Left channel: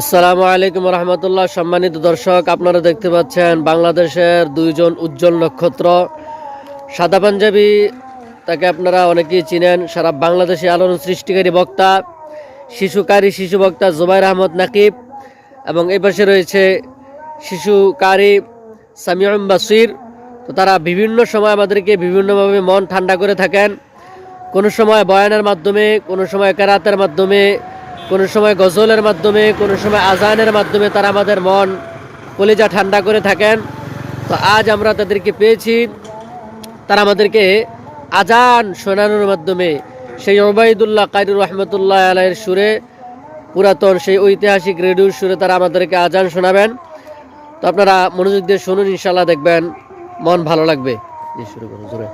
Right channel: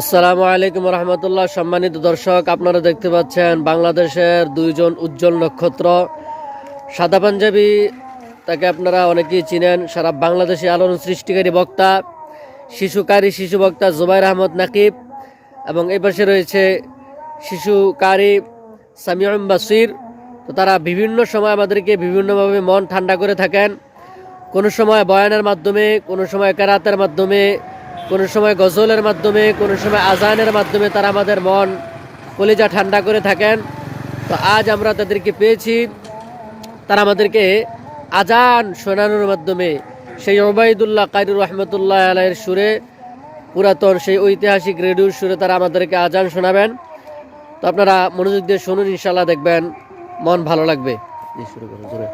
আসসালামু আলাইকুম রহমতুল্লাহ। সম্মানিত দর্শক, আপনারা দেখতে পাচ্ছেন বাংলাদেশের দুইজন উজ্জ্বল নক্ষত্র। সাদা পাঞ্জাবি, তাকে আপনারা অনেকেই চিনেন, সারা বাংলাদেশে আলোড়ন সৃষ্টিকারী বক্তা, শিশু বক্তা জুবাইর আহমদ নাকিব, এবং এই পাশে রয়েছে শিশুকারী সামিউম বাসির। তো তারা বিভিন্ন সময় আমাদেরকে বিভিন্নভাবে মন ঠান্ডা করে থাকেন। কোনো সময় বয়ানের মাধ্যমে, কোনো সময় কেরাতের মাধ্যমে, কোনো সময় গজলের মাধ্যমে, কোনো সময় আজানের মাধ্যমে তারা আমাদের মন কলিজা ঠান্ডা করে থাকেন। তো আজ আমরা তাদেরকে পেয়েছি, তারা আমাদেরকে আজান শোনানোর মাধ্যমে সেই ওবায়দুল্লাহ কারি রহমতুল্লাহ আলাইয়ের সুরে, পুরাতন সেই ঐতিহাসিক রেডিওর সুরে তারা আমাদেরকে আজান শোনাবেন। তো আপনারা মনোযোগ দিয়ে শুনুন, ইনশাল্লাহ দেখবেন মন ভালো লাগবে। শুরু করুন জোরে।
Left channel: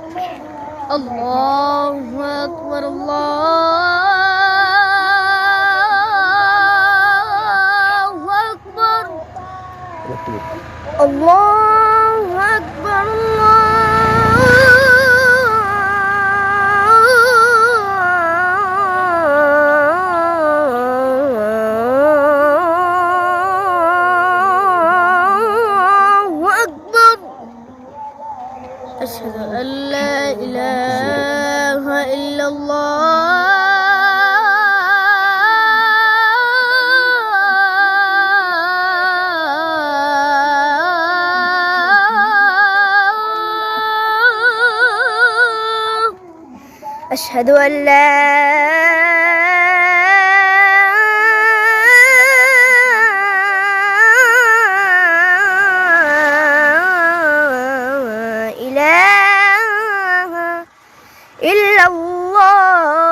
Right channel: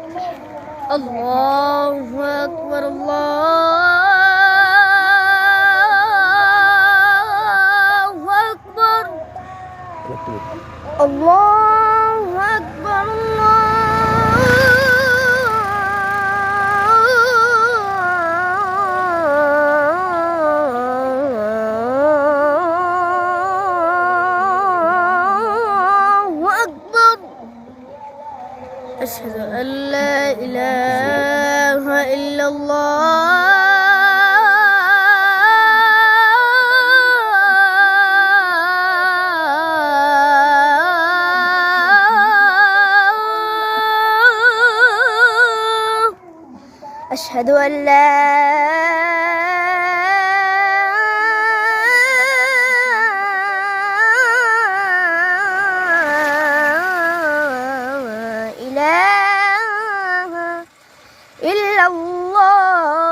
আল্লাহু আকবার, আল্লাহু আকবার, আল্লাহু আকবার। আশহাদু আল্লা ইলাহা ইল্লাল্লাহ, أشهد أن لا إله إلا الله،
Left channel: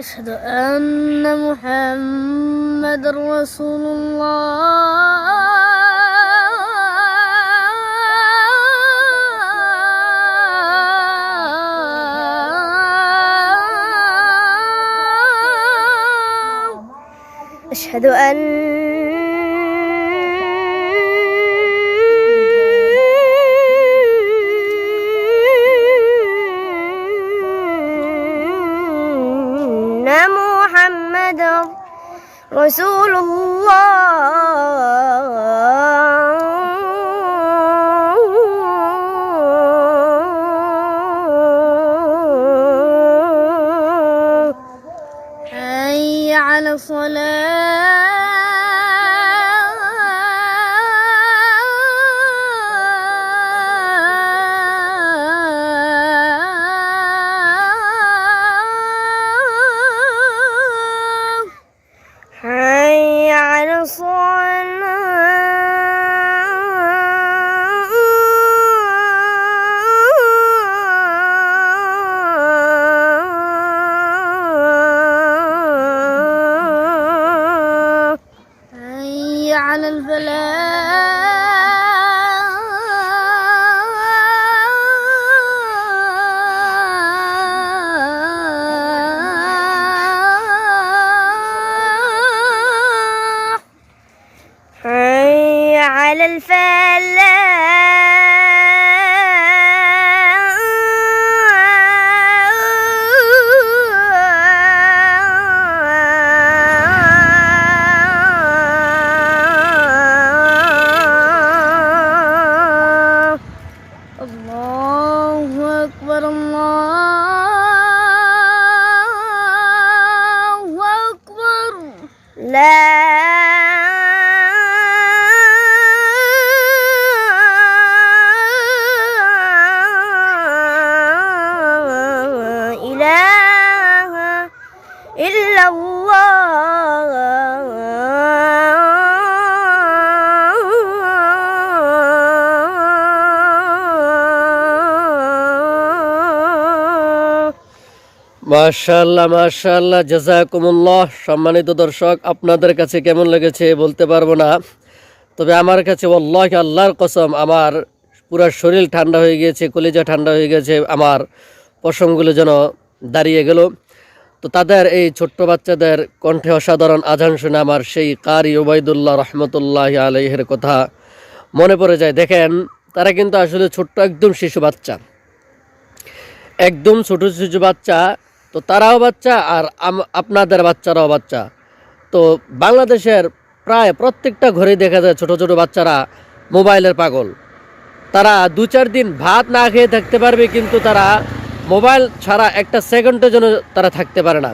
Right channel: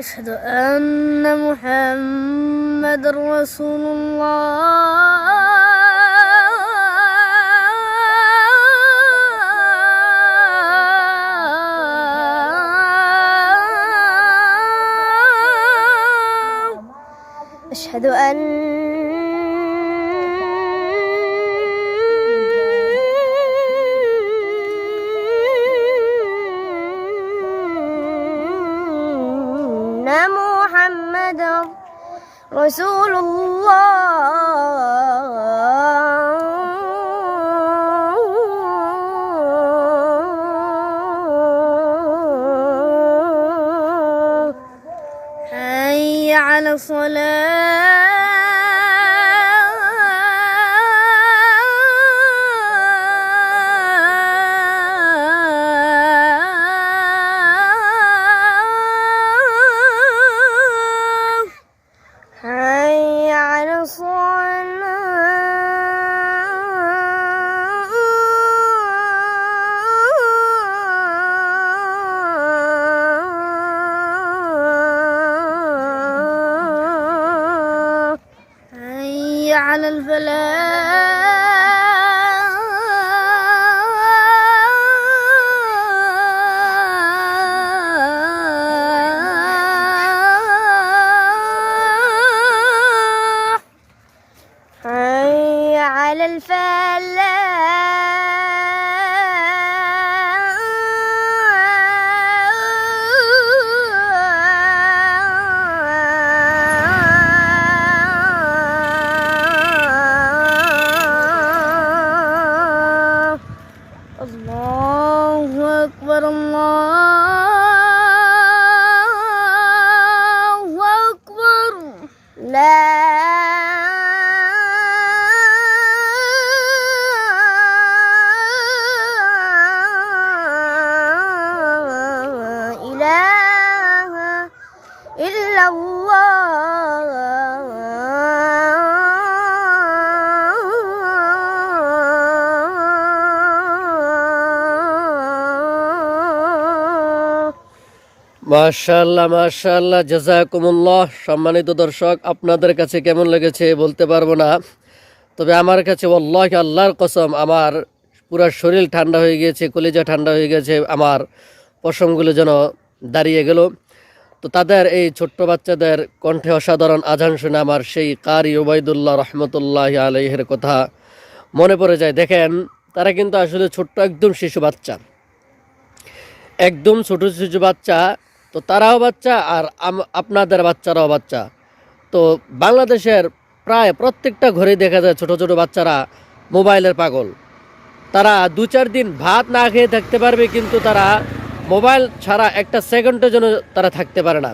أشهد أن محمد رسول الله، أشهد أن محمد رسول الله. حي على الصلاة، حي على الصلاة، حي على الفلاح، حي على الفلاح. الله أكبر، الله أكبر، لا إله إلا الله. মাশাআল্লাহ মাশাআল্লাহ, জাযাকুমুল্লাহ। সম্মানিত দর্শক, আপনাদের কাছে কেমন লেগেছে বলতে পারবো না, তবে আমার কাছে ওয়াল্লাহি আল্লাহর কসম আমার পুরো শরীর ঠান্ডা হয়ে গিয়েছে, কলিজা ঠান্ডা হয়ে গেছে, আমার পশমগুলো যেন দাঁড়িয়ে গেল। তো তাদের এই ছোট্ট বাচ্চাদের কণ্ঠে অসাধারণ আজান শুনে আমার সেই কারি ওবায়দুল্লাহ রহমতুল্লাহ আলাইহির কথা মনে পড়ে যায়। দেখেন, তারা কিন্তু আসলে ছোট্ট একদম শিশু বাচ্চা, একদম ছোট শিশু বাচ্চা। তো তারাও বাচ্চা আর আপনাদের বাচ্চারাও বাচ্চা। তো বাংলাদেশের প্রায় প্রত্যেকটা ঘরেই দেখা যায় ছোট ছোট বাচ্চারা মোবাইলের পাগল। তারা 2-4 দিন ভাত না খেয়ে থাকতে পারবে, কিন্তু তারা মোবাইল ছাড়া একটা সেকেন্ডের জন্য তারা থাকতে পারে না।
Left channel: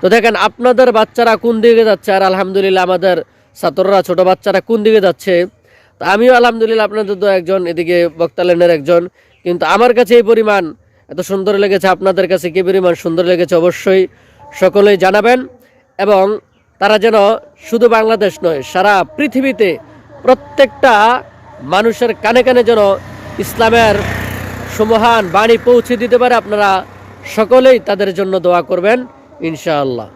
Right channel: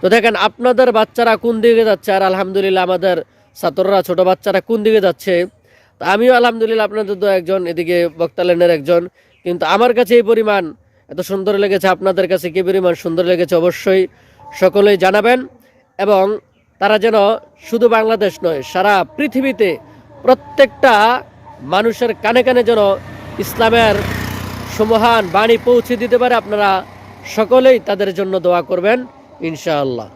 তো দেখেন আপনাদের বাচ্চারা কোন দিকে যাচ্ছে, আর আলহামদুলিল্লাহ আমাদের ছাত্ররা ছোট বাচ্চারা কোন দিকে যাচ্ছে। তো আমিও আলহামদুলিল্লাহ আপনাদের তো একজন, এদিকে বক্তালেনের একজন, কিন্তু আমার কাছে এই পরিমাণ এত সুন্দর লেগেছে, আপনাদের কাছে কী পরিমাণ সুন্দর লেগেছে অবশ্যই সকলেই জানাবেন। এবং তারা যেন শুধু বাংলাদেশ নয়, সারা পৃথিবীতে প্রত্যেকটা মানুষের কানে কানে যেন ইসলামের সুমহান বাণী পৌঁছে দিতে পারে। আপনারা সকলেই তাদের জন্য দোয়া করবেন ইনশাআল্লাহ।